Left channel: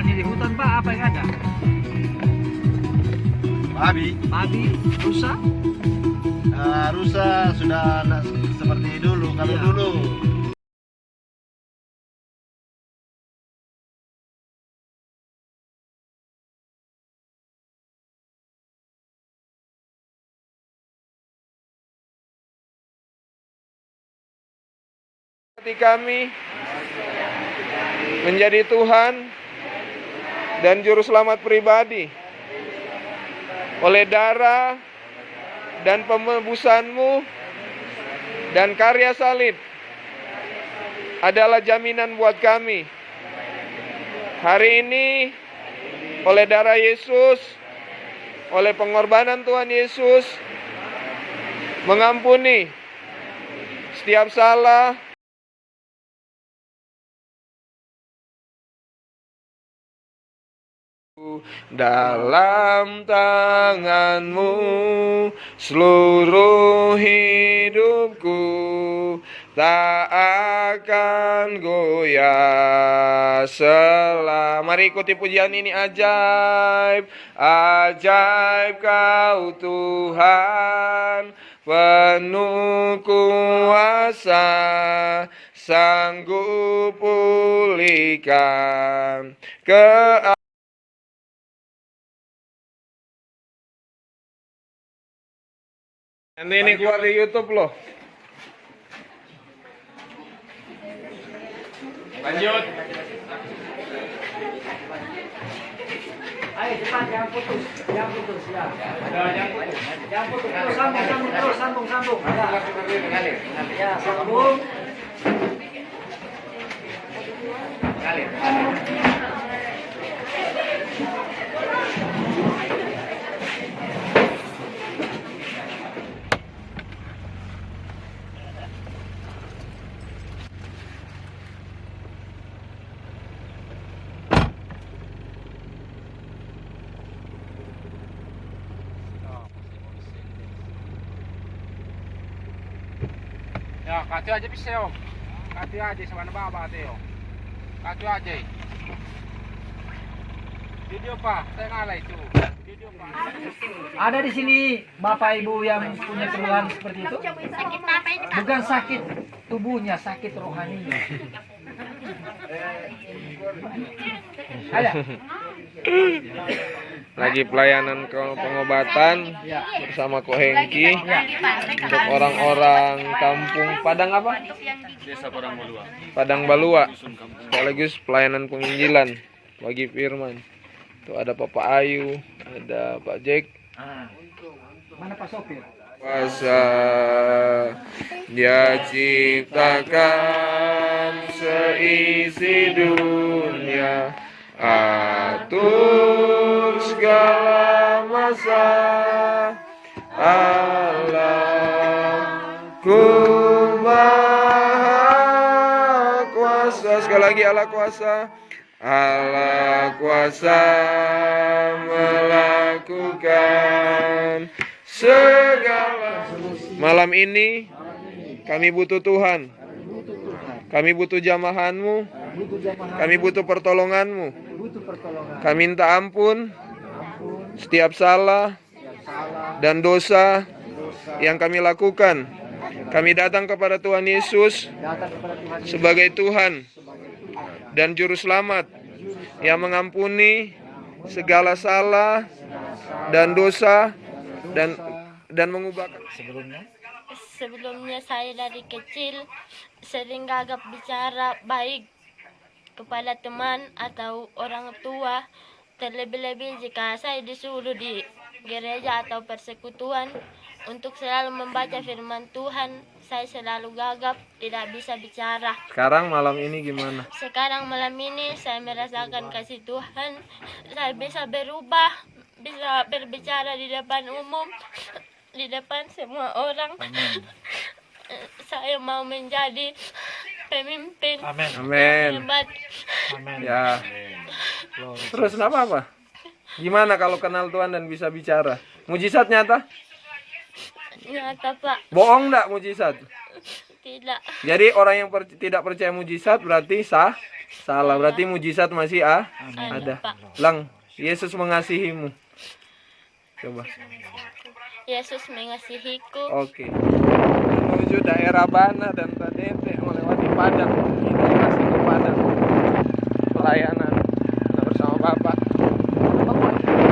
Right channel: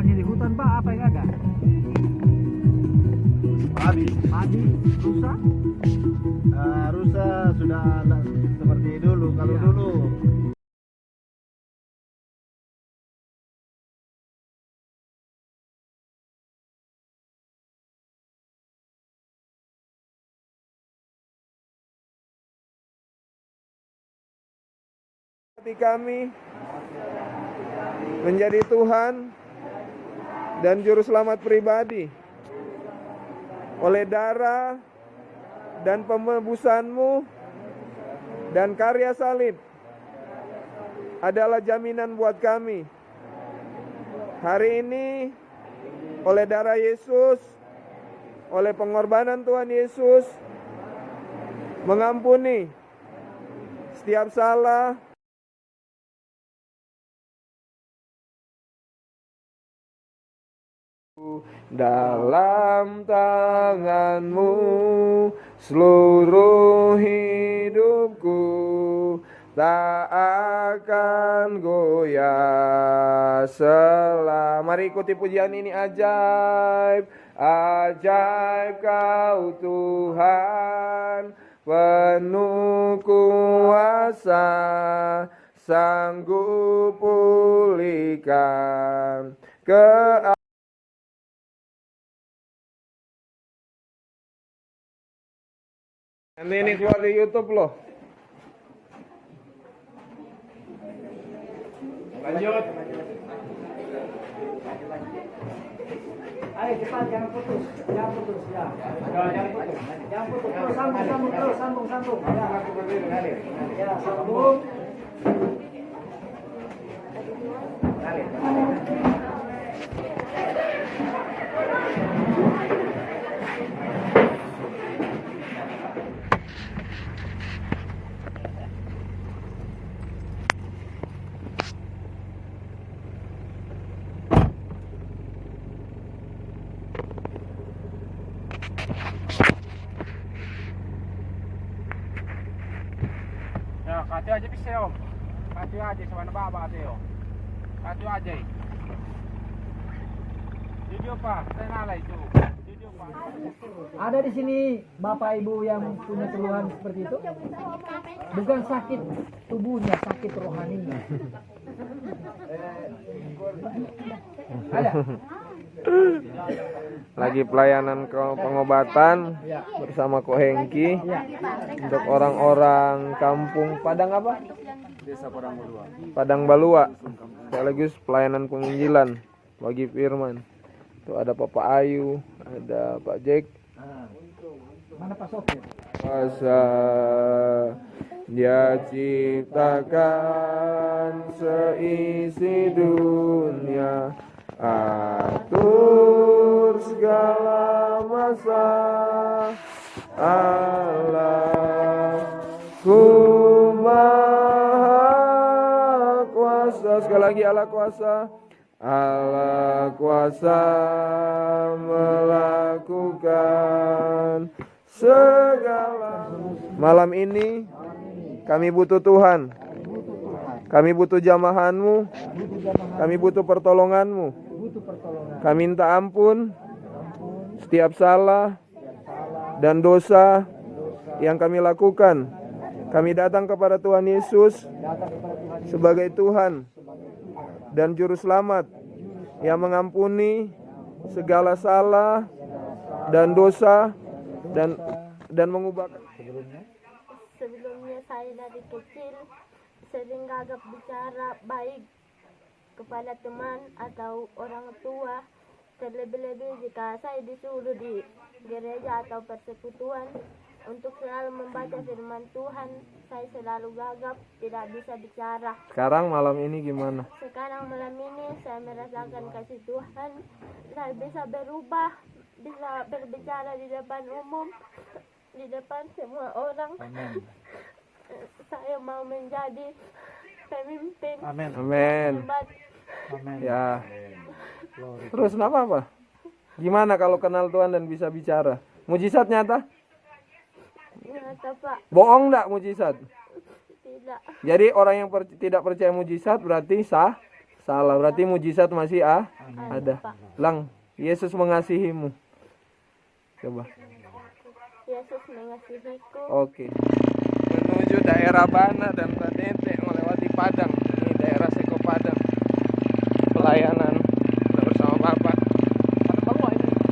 tumbuhan di hutan Pak, apa yang ada? Babi, rusa. rusa sudah nggak seperti dulu. Kalau Iya. dulu hati kami menjadi Tuhan dan Juru Selamat pribadi oleh darah dan penebusan-Mu dan karya salib adalah jaminan buat kami. Hari ini oleh darah Yesus, oleh pengorbanan Tuhan Yesus, mengampuni setiap salah, dalam tangan-Mu seluruh hidupku tak akan goyah Mari ikuti pujian ini. Ajaib, ajaib Kau Tuhan, penuh kuasa, sanggup pulihkan Nanti ini keluar di YouTube loh. Lanjut. Ayo cepat, jangan putus ya. Jangan putus terus, sambung. Ya, sambung. Ya, kati aja bisa yo. Kati aja sama baba yo. Kati aja. Video Pak, saya ngalah itu. Video Pak. Ada di sini Bapak Ibu yang punya keluhan seperti itu? Sakit apa ini? Bukan sakit tubuhnya, sakit rohaninya. Ada? Lagi pelayanan pengobatan bersama Ko Hengki untuk orang-orang kampung Padang apa? Desa Padang Balua. Padang Balua. Sekaligus pelayanan penginjilan bagi firman. Tuh ada Papa Ayu, ada Pak Jack. Mana Pak Sofi? Kuasa Dia ciptakan seisi dunia, atur segala masa, Allahku maha kuasa. Sekali lagi, Allah kuasa. Allah kuasa melakukan segala. Malam ini kami butuh Tuhan. Kami butuh jamahan-Mu. Kami butuh pertolongan-Mu. Kami minta ampun setiap salah dan dosa yang kami lakukan. Kami datang kepada Tuhan Yesus sebagai Tuhan dan Juru Selamat yang mengampuni segala salah dan dosa dan mengubahkan. Sebelumnya saya dari kecil sering gagap bicara baik kepada teman atau orang tua. Terlebih-lebih jika saya disuruh di gereja atau persekutuan untuk selalu membaca firman Tuhan, saya selalu gagap, tidak bisa bicara. Sekarang malam ini gimana? Sekarang malam ini saya merasakan kasih Tuhan. Saya bisa berubah, bisa berbicara di depan umum, di depan semua orang. Amin. Saya mau menjadi pemimpin. Amin. Amin. Hebat. Amin. Ya. Terus kenapa apa? Gimana kalau kenal Tuhan dan bisa bicara? Mujizat nyata? Nyata Pak, Bohong enggak mujizat? tidak. Jadi orang yang tidak percaya mujizat berarti Salah, berarti mujizat masih ada. Pak. Lang, Yesus mengasihimu. Coba. Yesus mengasihiku. Oke. Menuju daerah Bana dan Tanete melewati Padang, daerah situ Padang. Pelayanan bersama Bapak.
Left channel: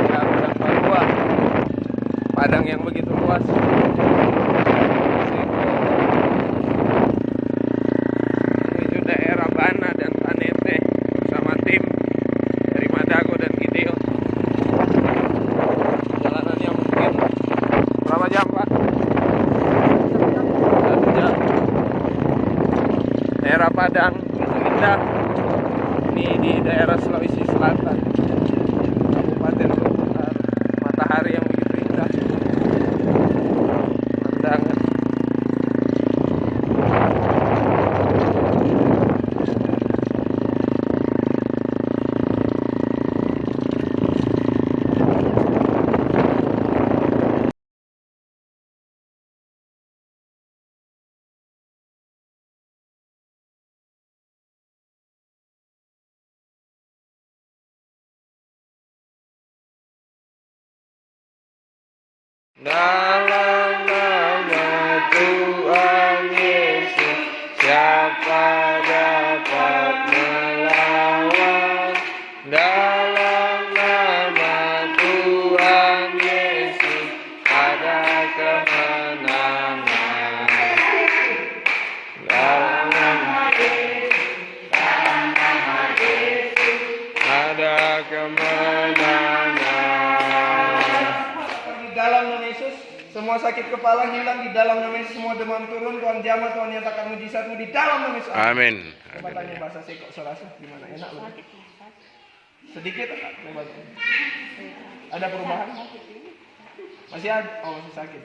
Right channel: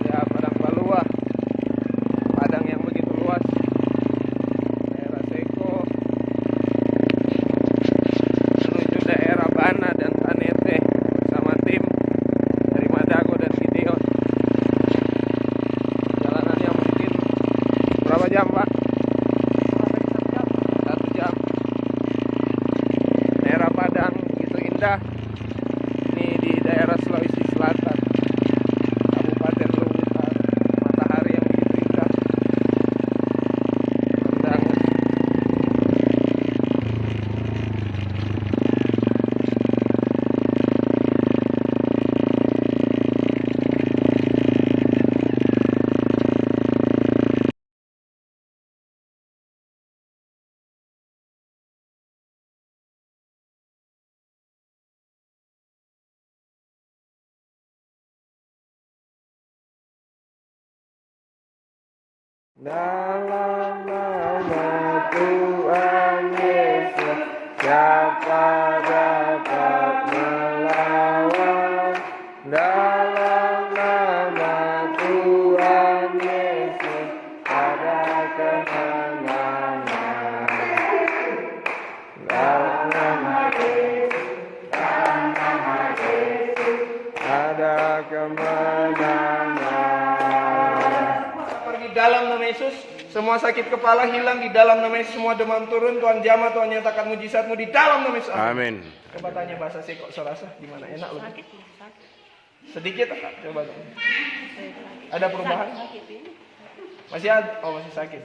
Ya, Padang Parua. Padang yang begitu luas. Menuju daerah Bana dan Tanete bersama tim dari Madago dan Gideon. Jalanannya mungkin berapa jam, Pak? 1 jam. Daerah Padang indah. Ini di daerah Sulawesi Selatan, Kabupaten Lubutar. Matahari yang begitu indah. Pemandangan. Dalam nama Tuhan Yesus, siapa dapat melawan? Dalam nama Tuhan Yesus, ada kemenangan. Dalam nama ada kemenangan. Pergi dalam nama Yesus, semua sakit kepala hilang di dalam nama Yesus, semua demam turun, Tuhan jamah, Tuhan nyatakan mujizatmu di dalam nama Yesus. Amin. Coba tanya bahasa Seko, serasa gimana, enak loh. Sedikit tak? Coba. Ada perubahan? Masih ada? Oh, masih sakit.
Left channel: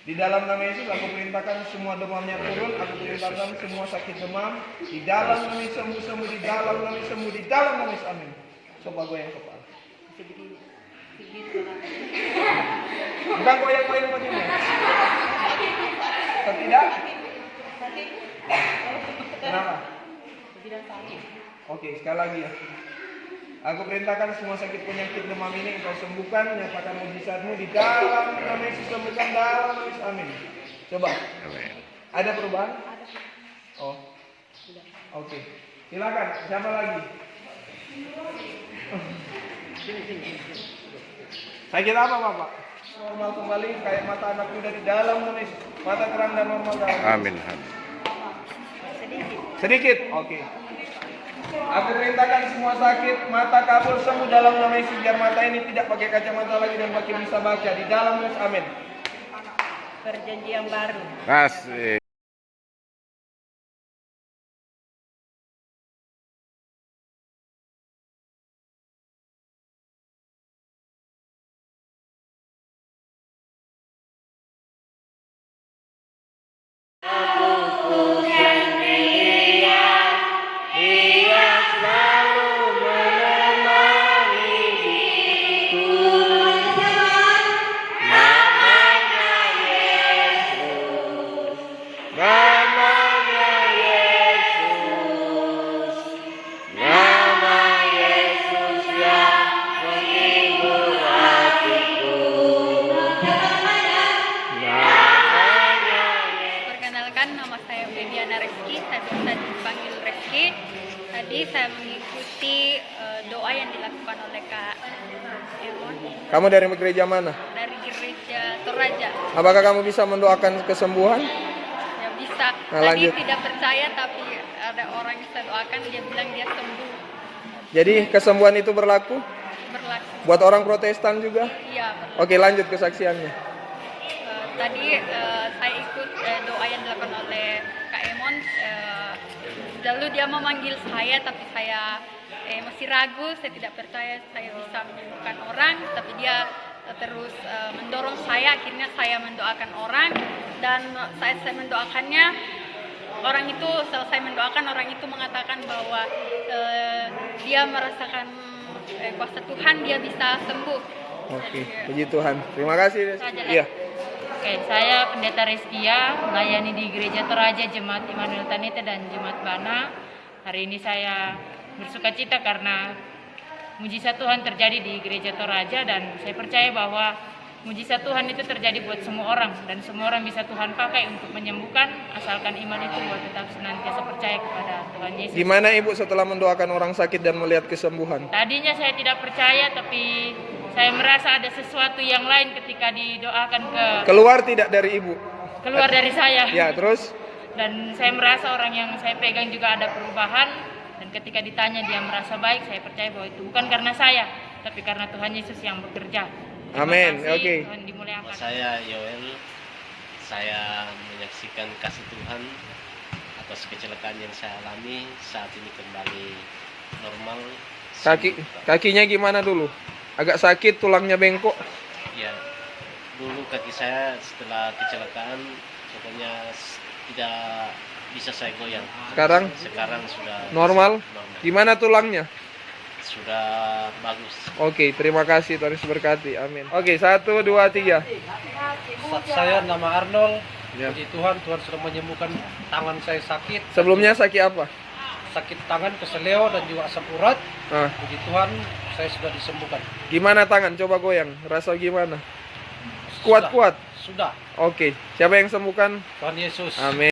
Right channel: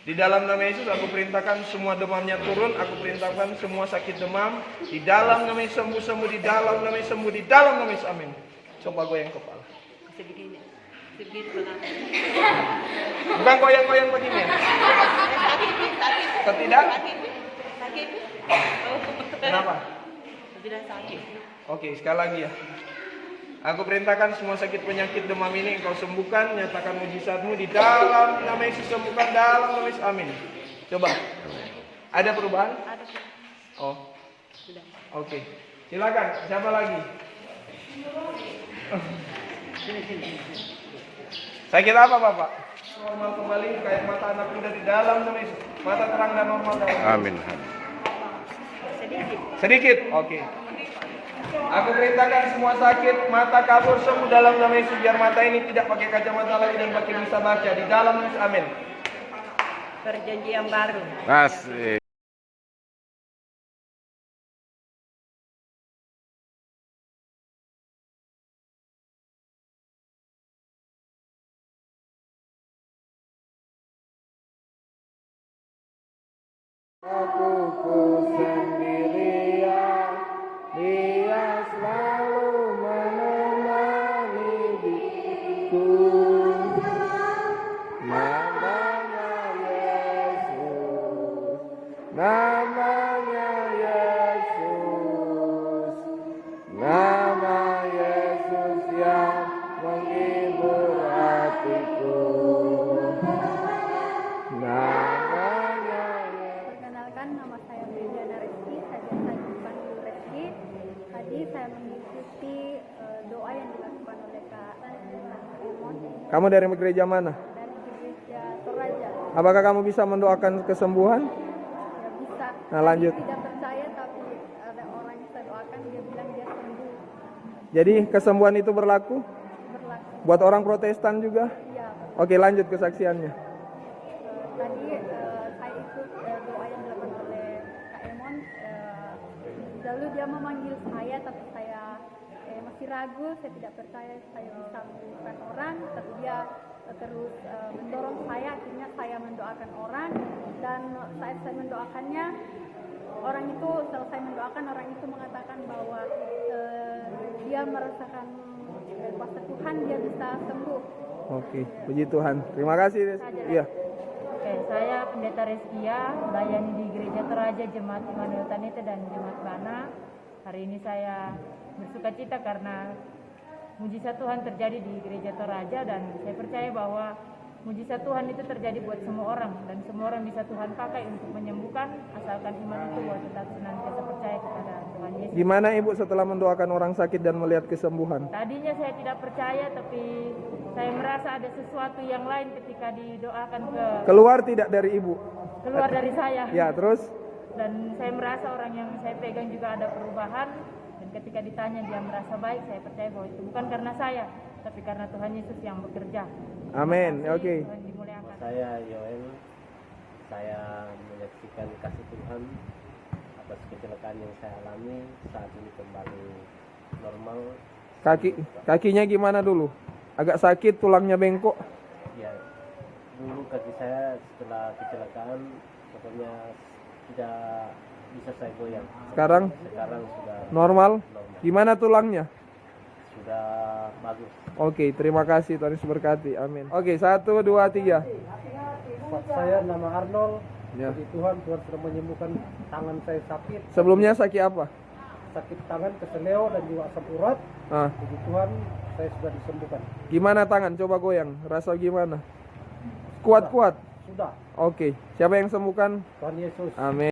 Di dalam nama Yesus aku perintahkan semua demamnya turun, aku perintahkan semua sakit demam di dalam nama Yesus sembuh, di dalam nama Yesus sembuh, di dalam nama Yesus. Amin. Coba goyang kepala. Bukan goyang-goyang begini. Tidak? Kenapa? Tidak sakit. Oke, sekali lagi ya. Aku perintahkan semua sakit penyakit demam ini engkau sembuhkan, nyatakan mujizatmu di dalam nama Yesus, sembuhkan dalam nama Yesus. Amin. Coba. Ada perubahan? Ada. Oh. Sudah. Oke. Silakan. Siapa lagi? Sini. Sakit apa, Bapak? Normal kembali kayak mata anak muda di dalam nama Yesus. Mata terang dan normal dalam. Amin. Sedikit. Oke. Aku perintahkan semua sakit mata kabur sembuh dalam nama Yesus, biar mata ini tidak pakai kacamata lagi dan makin bisa baca di dalam nama Yesus. Amin. Perjanjian baru. Asik. Perkenalkan, nama saya Bediana Reski, saya biasa dipanggil Reski. Tadi saya mengikuti doa yang dilakukan oleh Kak Emon Kamu dari gereja mana? dari gereja Toraja. Apakah kamu bisa mendoakan kesembuhan? Ya bisa. Nah, Tadi lanjut. tidak percaya, tapi ada orang yang saya doakan, dia bilang dia sembuh. Jadi kesembuhan itu berlaku Berlaku. buat orang Protestan juga? Iya, berlaku. Oke, lanjut kesaksiannya. Tadi saya ikut doa yang dilakukan oleh Kak Emon. Lalu dia memanggil saya, tapi saya masih ragu, saya tidak percaya saya bisa menyembuhkan orang, tapi dia terus mendorong saya. Akhirnya saya mendoakan orang, dan saat saya mendoakannya, orang itu selesai mendoakan, orang itu mengatakan bahwa dia merasakan kuasa Tuhan, dia bisa sembuh. Oke, puji Tuhan. Terima kasih. Saja. Iya. Oke, saya Pendeta Reskia, melayani di Gereja Toraja, Jemaat Immanuel Tanete dan Jemaat Bana. Hari ini saya bersukacita karena mujizat Tuhan terjadi di Gereja Toraja, dan saya percaya bahwa mujizat Tuhan itu terjadi buat semua orang, dan semua orang bisa Tuhan pakai untuk menyembuhkan, asalkan iman itu buat tetap senantiasa percaya kepada Tuhan Yesus. Gimana Ibu setelah mendoakan orang sakit dan melihat kesembuhan? Tadinya saya tidak percaya, tapi saya merasa ada sesuatu yang lain ketika didoakan Keluar tidak dari Ibu? keluar dari saya. Ya, terus? Dan saya merasa orang yang saya pegang juga ada perubahan, dan ketika ditanya dia merasa baik, saya percaya bahwa itu bukan karena saya, tapi karena Tuhan Yesus yang bekerja. Amin. Terima kasih, Oke. Tuhan dimuliakan. Saya Yoel, saya menyaksikan kasih Tuhan atas kecelakaan yang saya alami, saat ini kembali normal. Kakinya gimana dulu? Agak sakit, tulangnya bengkok. Ya, dulu kaki saya setelah kecelakaan pokoknya tidak bisa saya goyang. Sekarang sudah normal. Gimana tulangnya? Sudah bagus. Oke, terima kasih, Tuhan Yesus berkati. Amin. Oke, 1, 2, 3. Saya nama Arnold. Ya. Puji Tuhan, Tuhan sudah menyembuhkan tangan saya sakit. Sebelumnya sakit apa? Sakit tangan, keseleo dan juga asam urat. Ah. Puji Tuhan, saya sudah disembuhkan. Gimana tangan? Coba goyang. Rasa gimana? Kuat-kuat. Sudah. Oke. Siapa yang sembuhkan? Tuhan Yesus. Amin.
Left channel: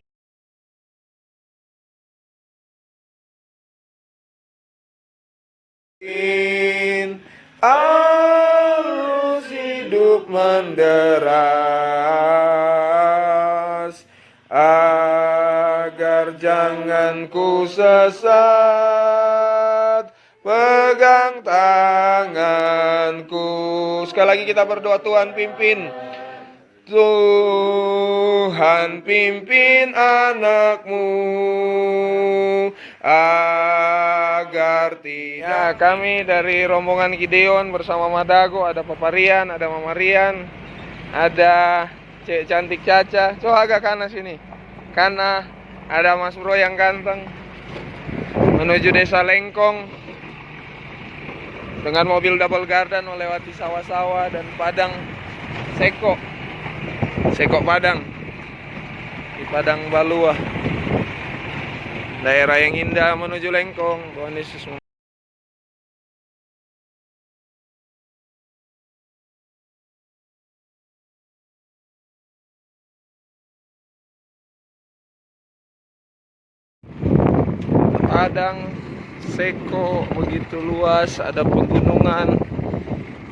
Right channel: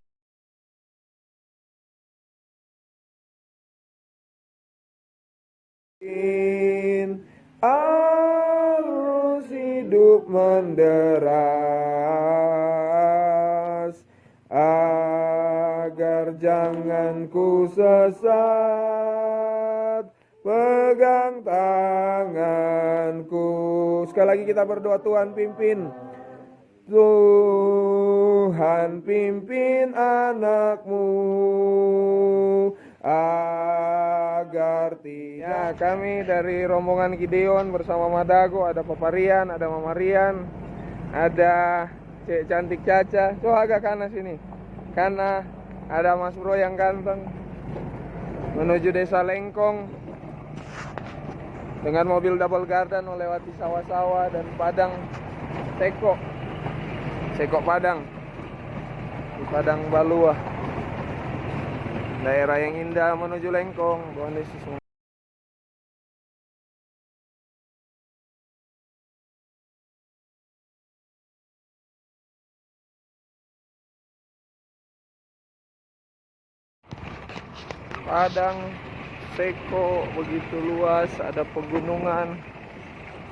Arus hidup menderas, agar jangan ku sesat, pegang tanganku. Sekali lagi kita berdoa, Tuhan pimpin. Tuhan pimpin anakmu agar tidak. Kami dari rombongan Gideon bersama Madago, ada Papa Rian, ada Mama Rian, ada Cek Cantik Caca. Coba agak kanan sini. Karena ada Mas Bro yang ganteng menuju Desa Lengkong dengan mobil double garden melewati sawah-sawah dan padang Seko Padang, di Padang Balua, daerah yang indah menuju Lengkong. Tuhan Yesus Padang Seko begitu luas, ada pegunungan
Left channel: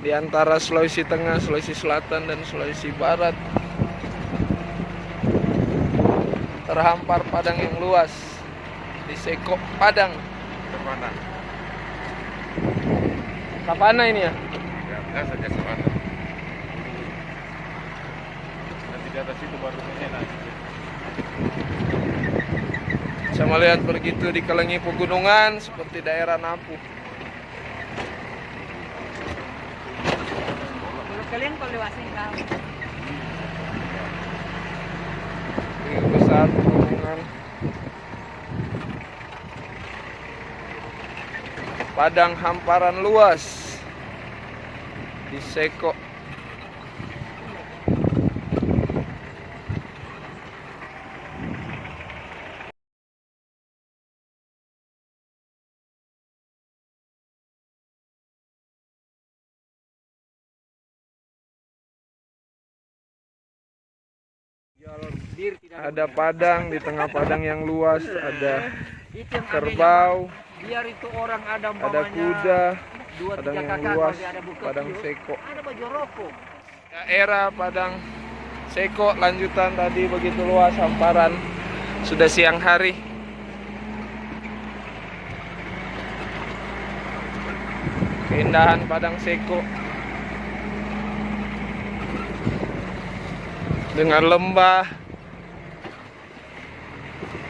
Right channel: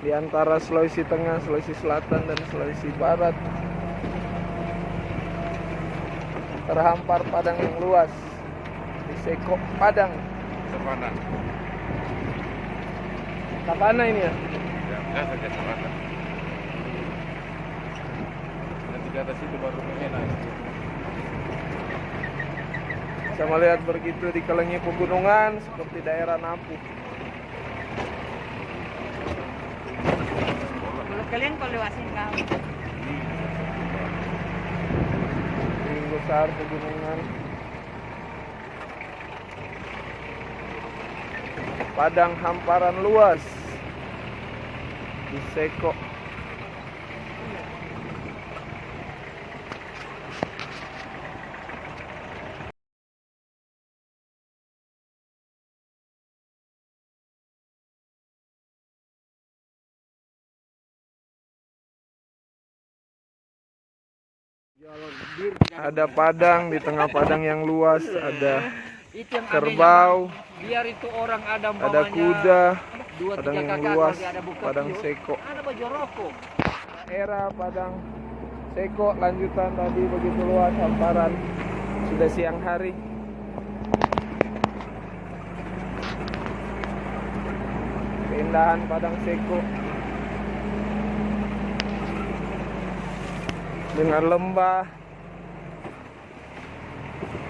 di antara Sulawesi Tengah, Sulawesi Selatan, dan Sulawesi Barat. Terhampar padang yang luas di Seko Padang. Savana. Savana ini ya? Nanti di atas itu baru enak. Saya melihat begitu dikelilingi pegunungan seperti daerah Napu. Ini besar pegunungan. Padang hamparan luas di Seko. Ada padang, di tengah padang yang luas ada kerbau, Biar itu orang ada ada kuda, padang yang luas, padang Seko. Daerah padang Seko lanjutan tadi begitu luas hamparan. Sudah siang hari. Keindahan padang Seko dengan lembah,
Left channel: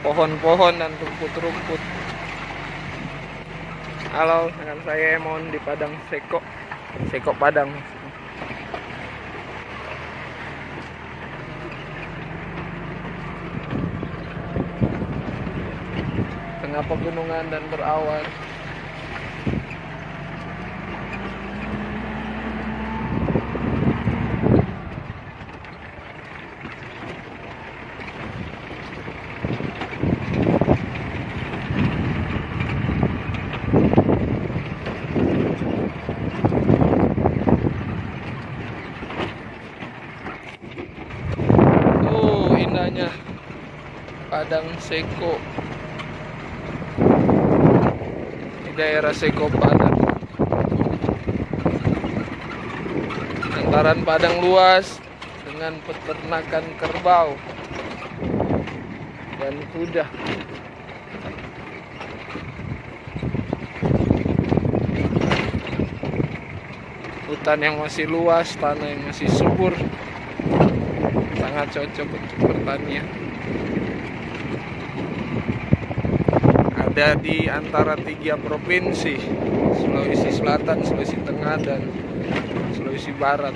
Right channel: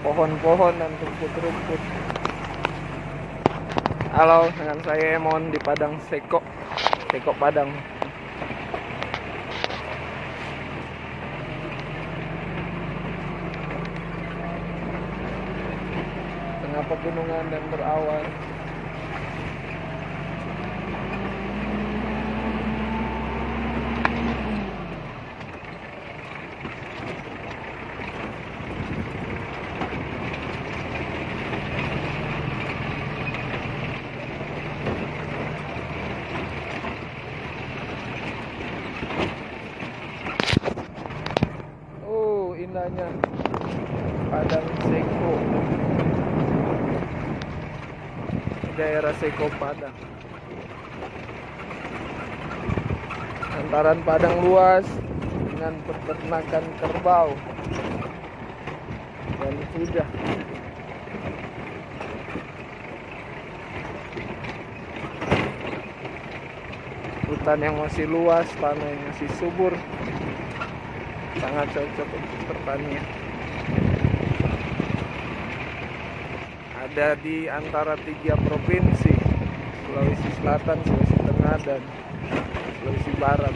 pohon-pohon dan rumput-rumput. Halo, dengan saya Emon di Padang Seko Padang. Tengah pegunungan dan berawan. Seko. Di daerah Seko Padang. Antaran padang luas dengan peternakan kerbau dan kuda. Hutan yang masih luas, tanah yang masih subur, sangat cocok untuk pertanian. Ada di antara 3 provinsi, Sulawesi Selatan, Sulawesi Tengah, dan Sulawesi Barat.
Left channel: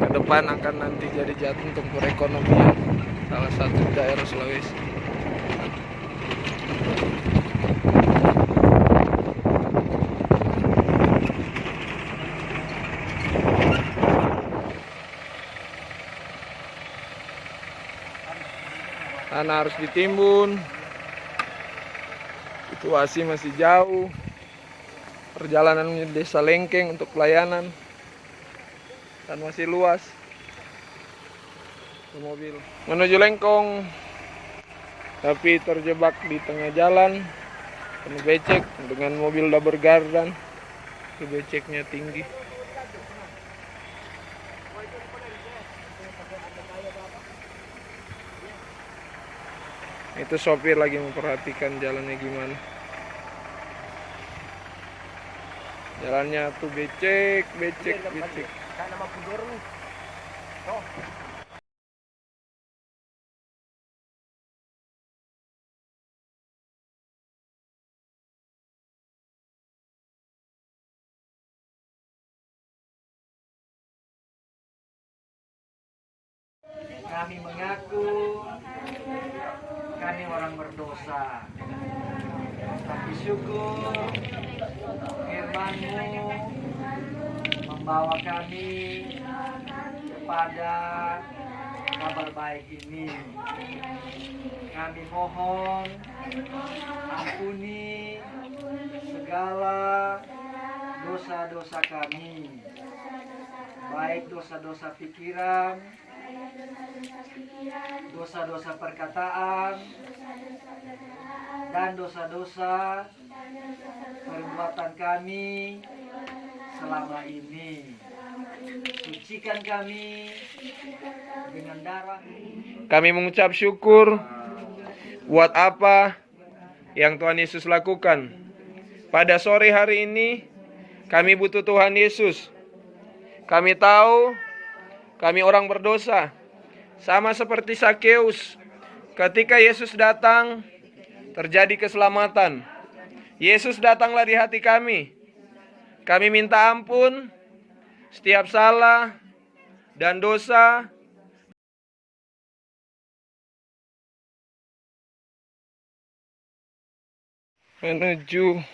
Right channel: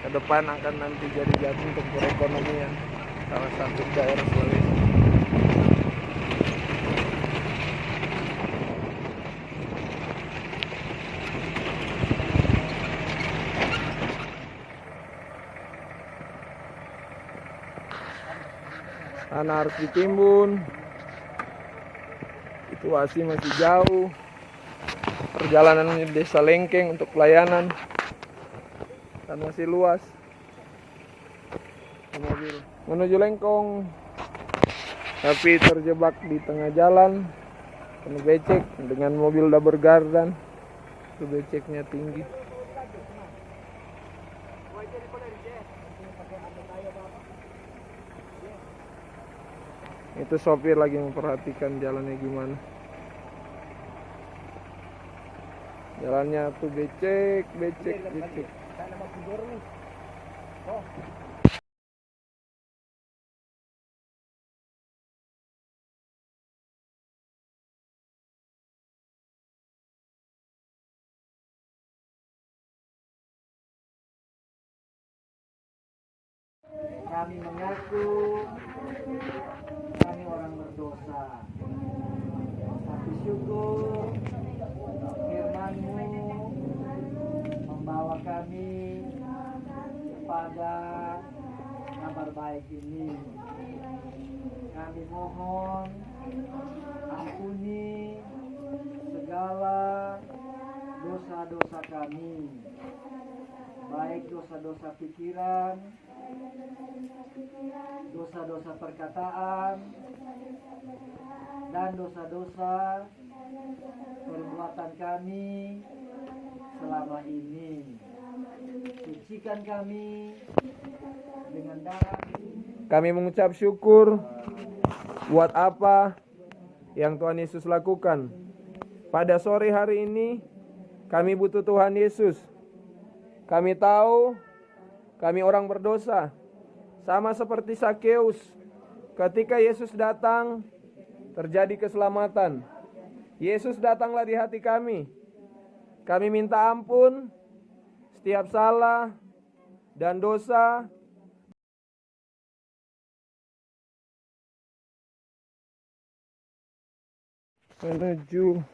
Ke depan akan nanti jadi jantung untuk perekonomian salah satu daerah Sulawesi. Tanah harus ditimbun, situasi masih jauh, perjalanan menuju desa Lengkeng untuk pelayanan, dan masih luas. Mobil menuju Lengkong, tapi terjebak di tengah jalan, penuh becek dengan mobil double gardan, beceknya tinggi. Itu sopir lagi memperhatikan jalannya gimana. Jalannya tuh becek. Kami mengaku kami orang berdosa, tapi syukur firman-Mu membawa kami kepada kabar baik ini. Kami mohon ampuni segala dosa-dosa kami, baik dosa-dosa pikiran, dosa-dosa perkataan, dan dosa-dosa perbuatan kami selama ini. Sucikan kami dengan darah. Kami mengucap syukur buat apa yang Tuhan Yesus lakukan. Pada sore hari ini kami butuh Tuhan Yesus. Kami tahu kami orang berdosa, sama seperti Sakeus. Ketika Yesus datang, terjadi keselamatan. Yesus datanglah di hati kami. Kami minta ampun setiap salah dan dosa. Menuju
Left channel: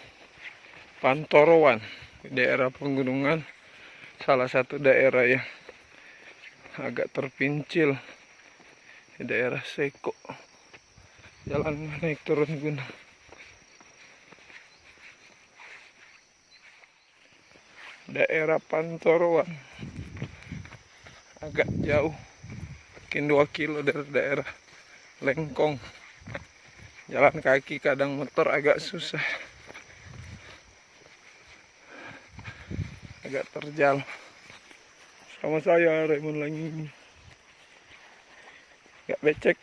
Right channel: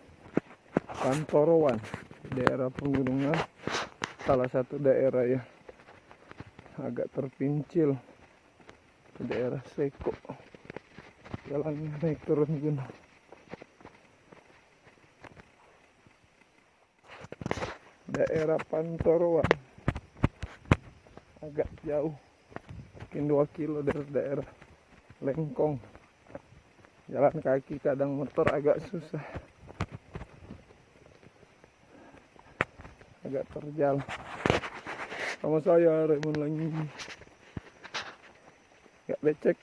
Pantoroan, daerah pegunungan, salah satu daerah yang agak terpincil di daerah Seko. Jalan naik turun gunung. Daerah Pantoroan agak jauh, mungkin 2 kilo dari daerah Lengkong. Jalan kaki kadang motor agak susah, agak terjal. Sama saya Raymond lagi agak becek.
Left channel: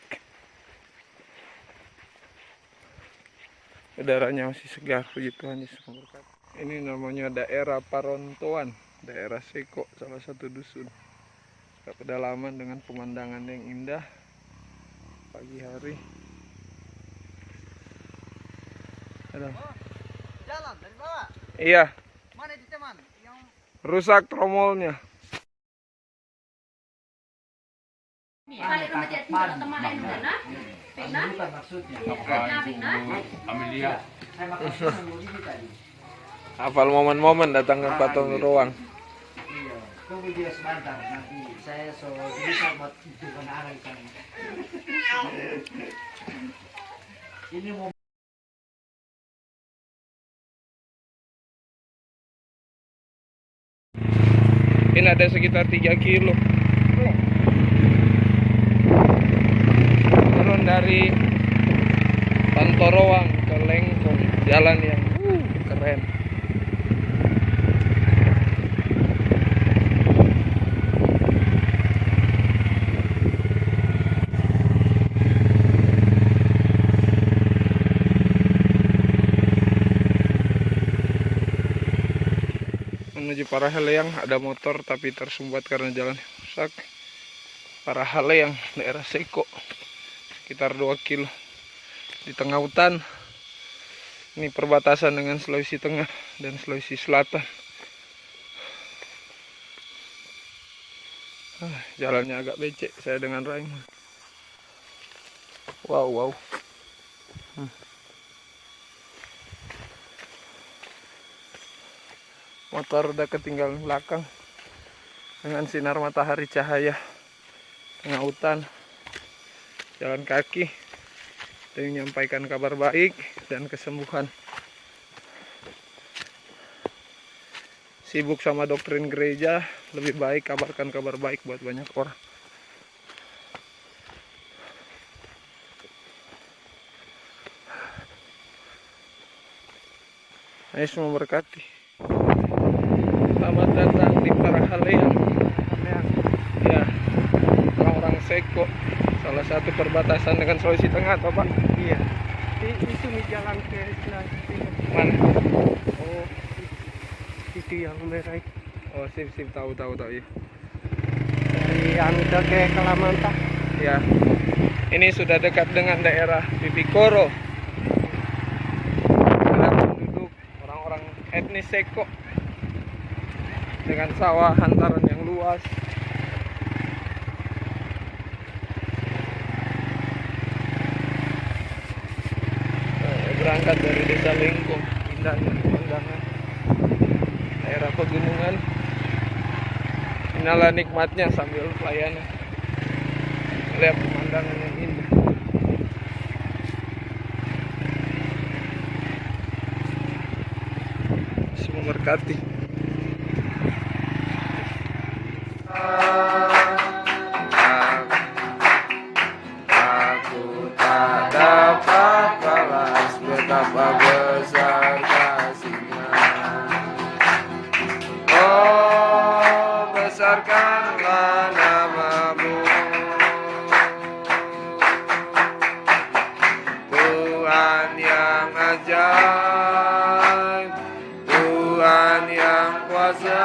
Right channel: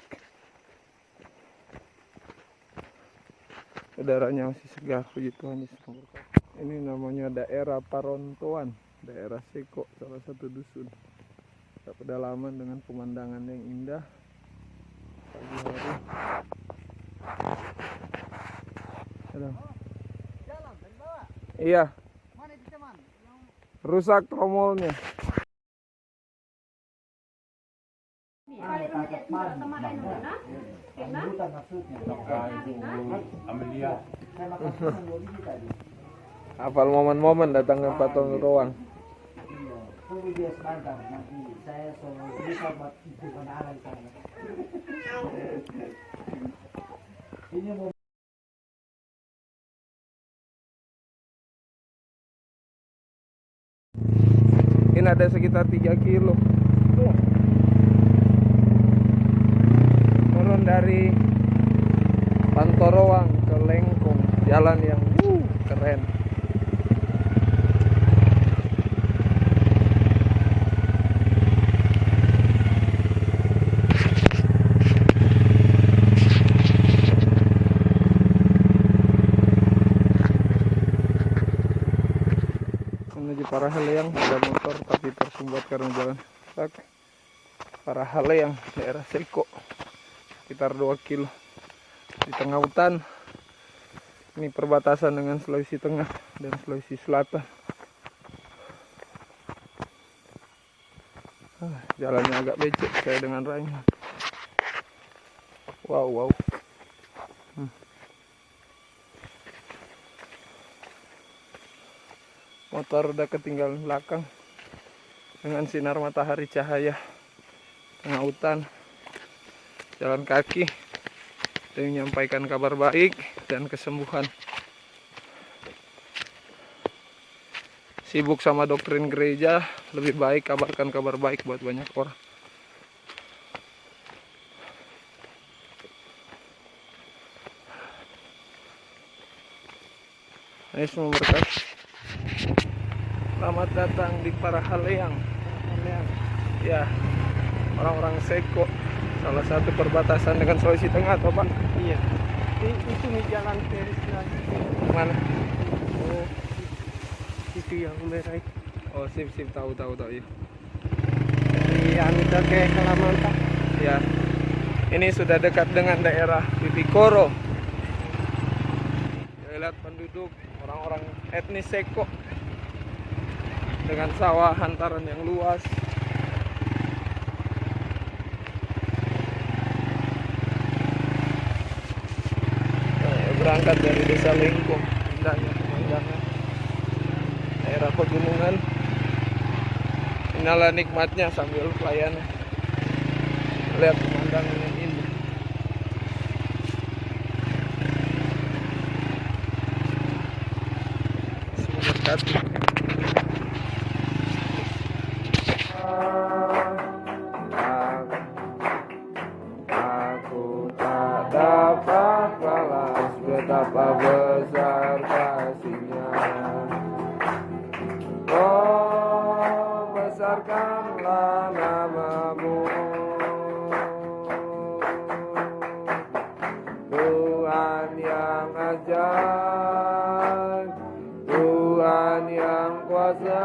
Udaranya masih segar, puji Tuhan Yesus memberkati. Ini namanya daerah Parontoan, daerah Seko, salah satu dusun. Ke pedalaman dengan pemandangan yang indah pagi hari. Jalan dari bawah. Iya. Mana di teman? Yang Rusak tromolnya. bukan maksudnya. Amelia. Saya maksudnya ini tadi. Hafal momen-momen datang ke Patong Ruang. Iya. Tunggu dia sebentar, nanti saya bisa buat itu anak sana. Ini mau Ini ada sekitar 3 kilo. Turun jalan dari Pantorowang ke Lengkong, jalan yang keren. Menuju Parahaleang ada motor tapi tersumbat karena jalan rusak. Parahaleang daerah Seko sekitar 2 kilo di tengah hutan. Ini perbatasan dengan Sulawesi Tengah dan Sulawesi Selatan. Jalannya agak becek kayak dengan Raing. Wow. Motor udah ketinggalan belakang dengan sinar matahari cahaya tengah hutan. Jalan kaki dan menyampaikan kabar baik dan kesembuhan. Sibuk sama doktrin gereja, lebih baik kabarkan kabar baik buat banyak orang. Yesus memberkati. Selamat datang di Parahaleang. Ya, orang-orang Seko, salah satu perbatasan dengan Sulawesi Tengah, atau Pak? Iya. Itu jalan ke Sulawesi. Mana? Oh, itu yang merah itu. Oh, sip, tahu ya. Dari Anita ke Kalamantan. Ya. Ini sudah dekat dengan daerah Pipikoro. Penduduk orang-orang etnis Seko dengan sawah hantaran yang luas. Berangkat dari desa Lengkong, indahnya pemandangan daerah pegunungan. Inilah nikmatnya sambil pelayanan, melihat pemandangan yang indah. Semoga berkati. Aku tak dapat balas betapa besar kasih-Nya. Oh, besarkanlah nama-Mu, Tuhan yang ajaib, Tuhan yang kuasa.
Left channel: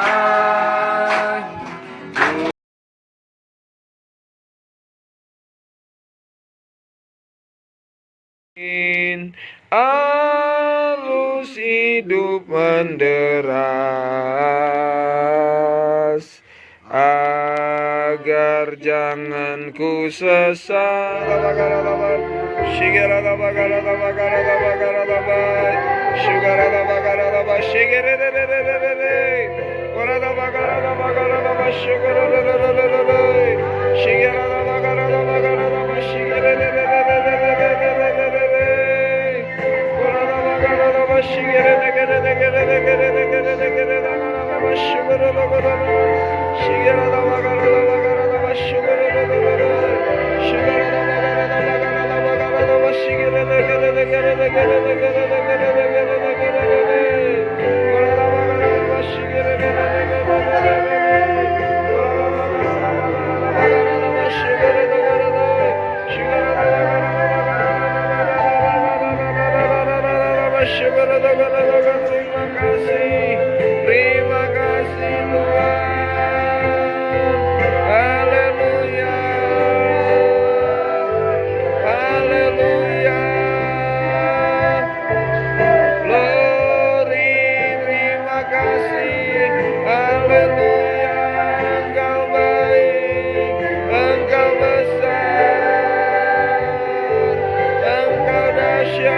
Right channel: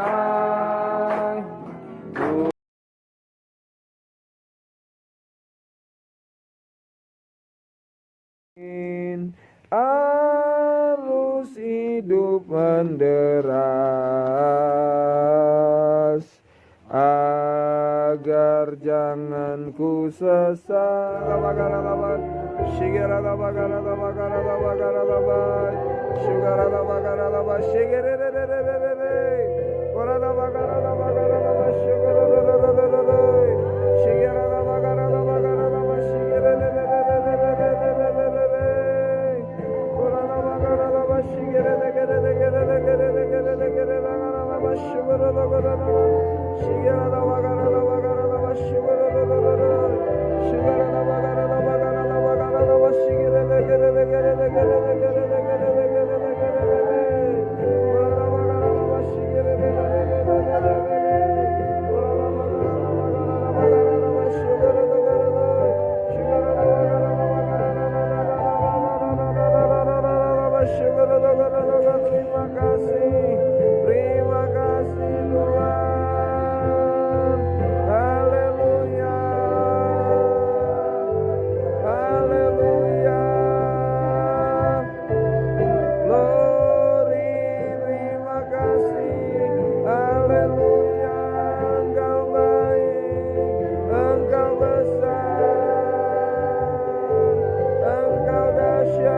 Arus hidup menderas, agar jangan ku sesat. Terima kasih Tuhan. Haleluya, haleluya. Glory, terima kasih. Haleluya, Engkau baik, Engkau besar, Engkau dahsyat.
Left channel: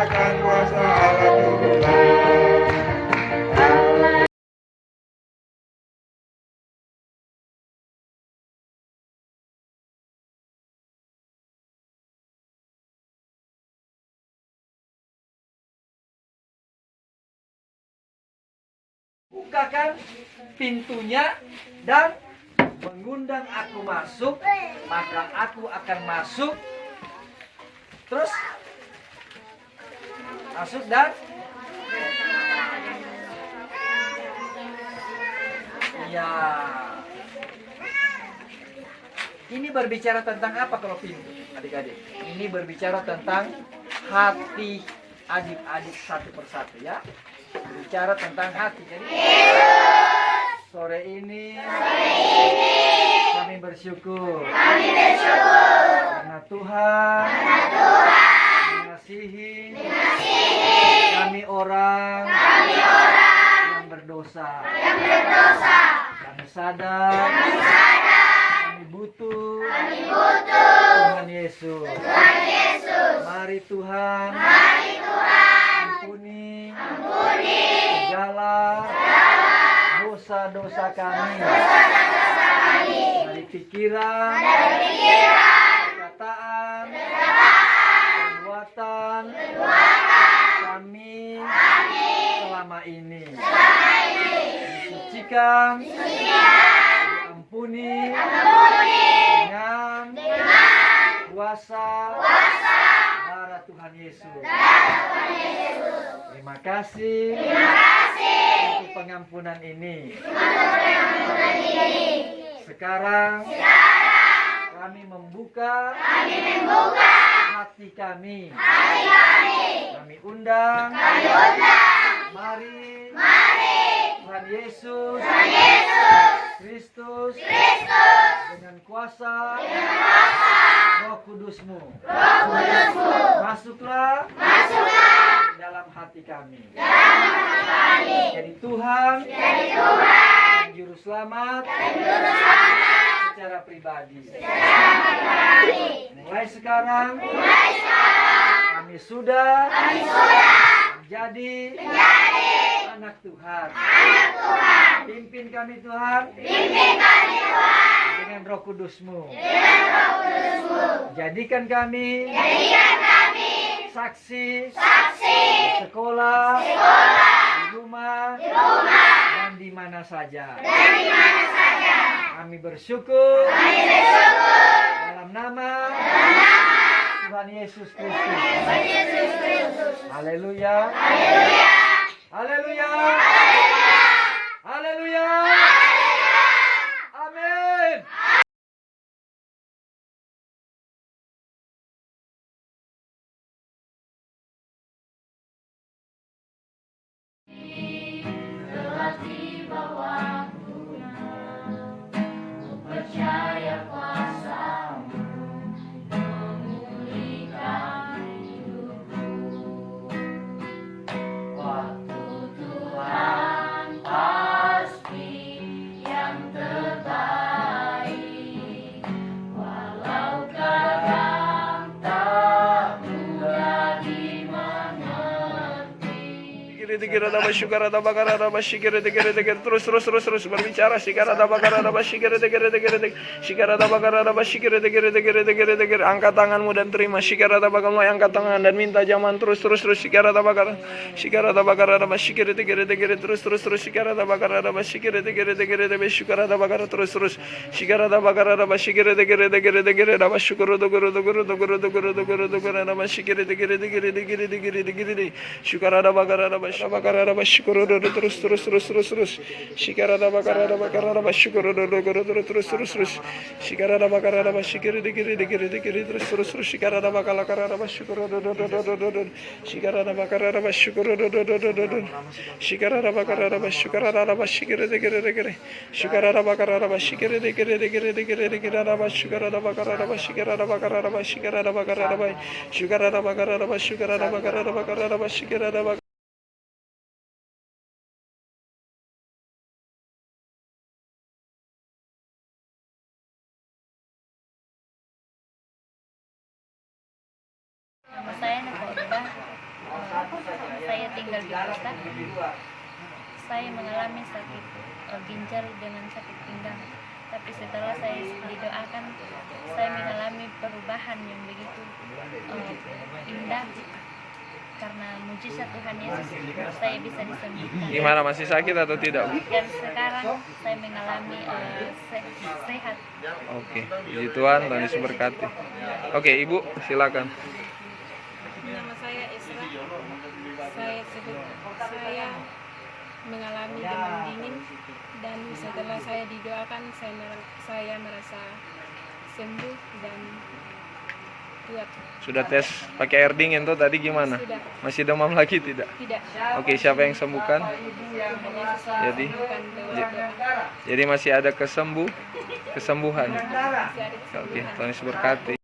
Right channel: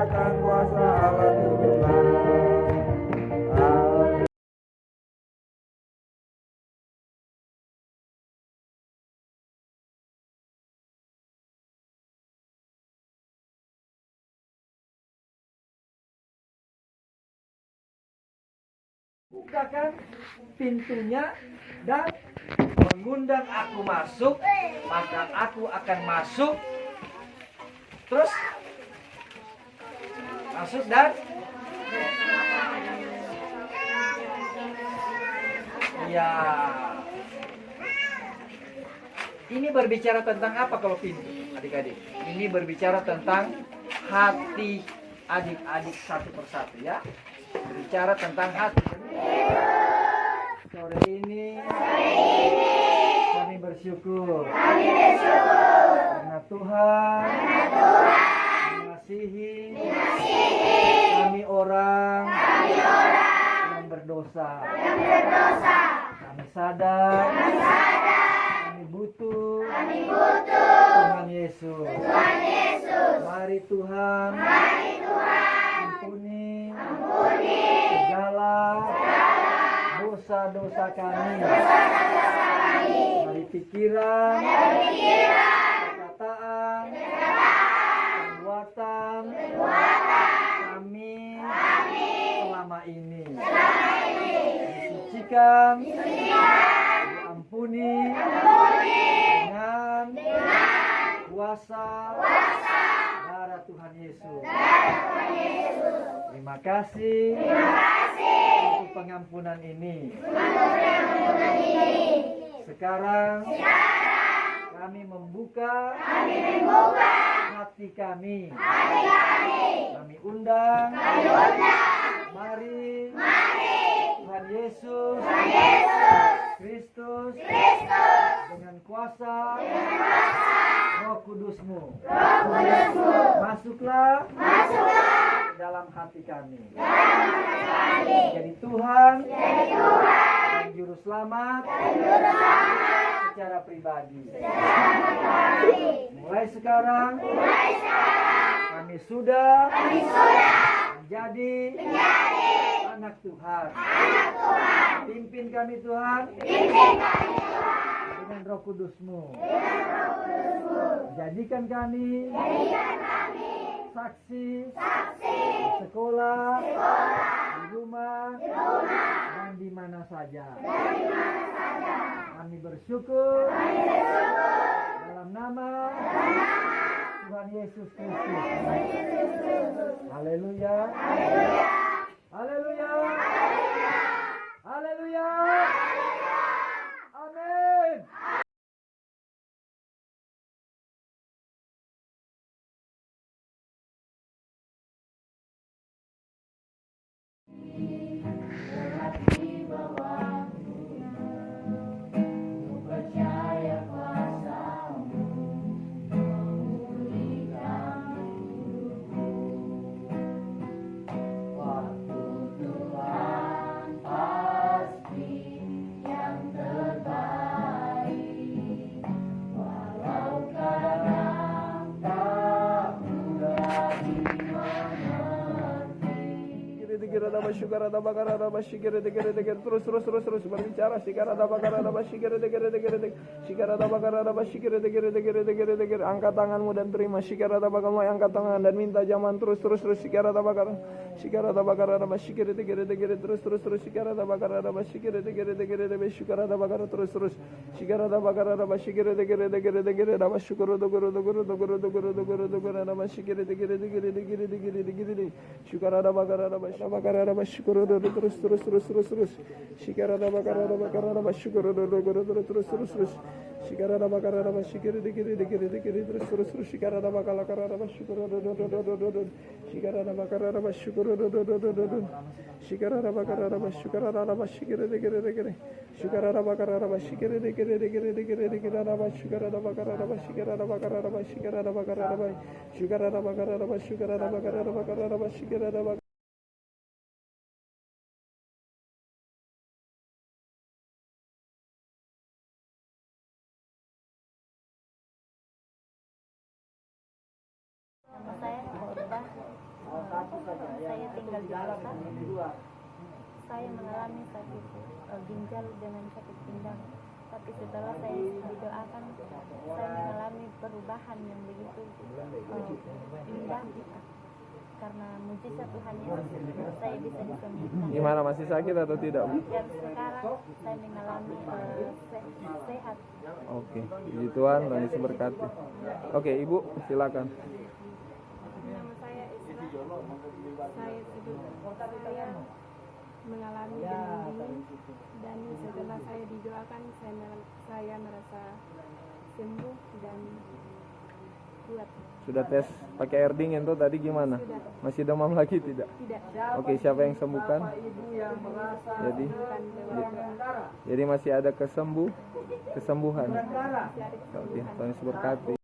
nyatakan kuasa Allah turunlah. Bukakan pintunya dan mengundang aku masuk, maka aku akan masuk. Terus masuk dan ya. Ini berbicara tentang apa kalau pintu, adik-adik? Ini berbicara tentang hati adik-adik satu persatu ya. Berbicara tentang hati. Jadi, sore ini kami bersyukur karena Tuhan mengasihi kami orang yang berdosa. Kami sadar kami butuh Tuhan Yesus. Mari Tuhan ampuni segala dosa-dosa kami dari pikiran, perkataan, perbuatan kami selama ini. Disucikan, diampuni dengan kuasa darah Tuhan Yesus. Terima kasih untuk pengampunan ini. Sekarang kami membuka hati kami. Kami undang. Mari Tuhan Yesus Kristus dengan kuasa Roh Kudus-Mu. Masuklah dalam hati kami. Jadi Tuhan dan Juru Selamat secara pribadi. Mulai sekarang kami sudah menjadi anak Tuhan. Pimpin kami Tuhan dengan Roh Kudus-Mu. Jadikan kami saksi di sekolah, di rumah, dan di mana saja. Kami bersyukur dalam nama Tuhan Yesus Kristus. Haleluya. Haleluya. Haleluya. Amin. Terus berbicara angkat tanganmu dan terima angkat tangan dan minta zaman terus terus terus Nama saya Nova Urba. saya tinggal di kota, saya mengalami sakit ginjal dengan sakit pinggang. Tapi setelah saya didoakan, saya mengalami perubahan yang begitu indah. Karena mujizat Tuhan Yesus, saya bisa disembuhkan. Gimana, masih sakit atau tidak, Bu? Dan sekarang saya mengalami sehat. Oke, puji Tuhan, Tuhan Yesus berkati. Oke, Ibu, silakan. Nama saya Isra. Saya mengalami demam dingin dan setelah saya didoakan saya merasa sembuh dan kuat. Sudah tes pakai air dingin tuh tadi gimana? Sudah. Masih demam lagi tidak? Tidak. Oke, siapa yang sembuhkan? Jadi Jadi masih ada kesembuhan. Oke, Tuhan Yesus berkati.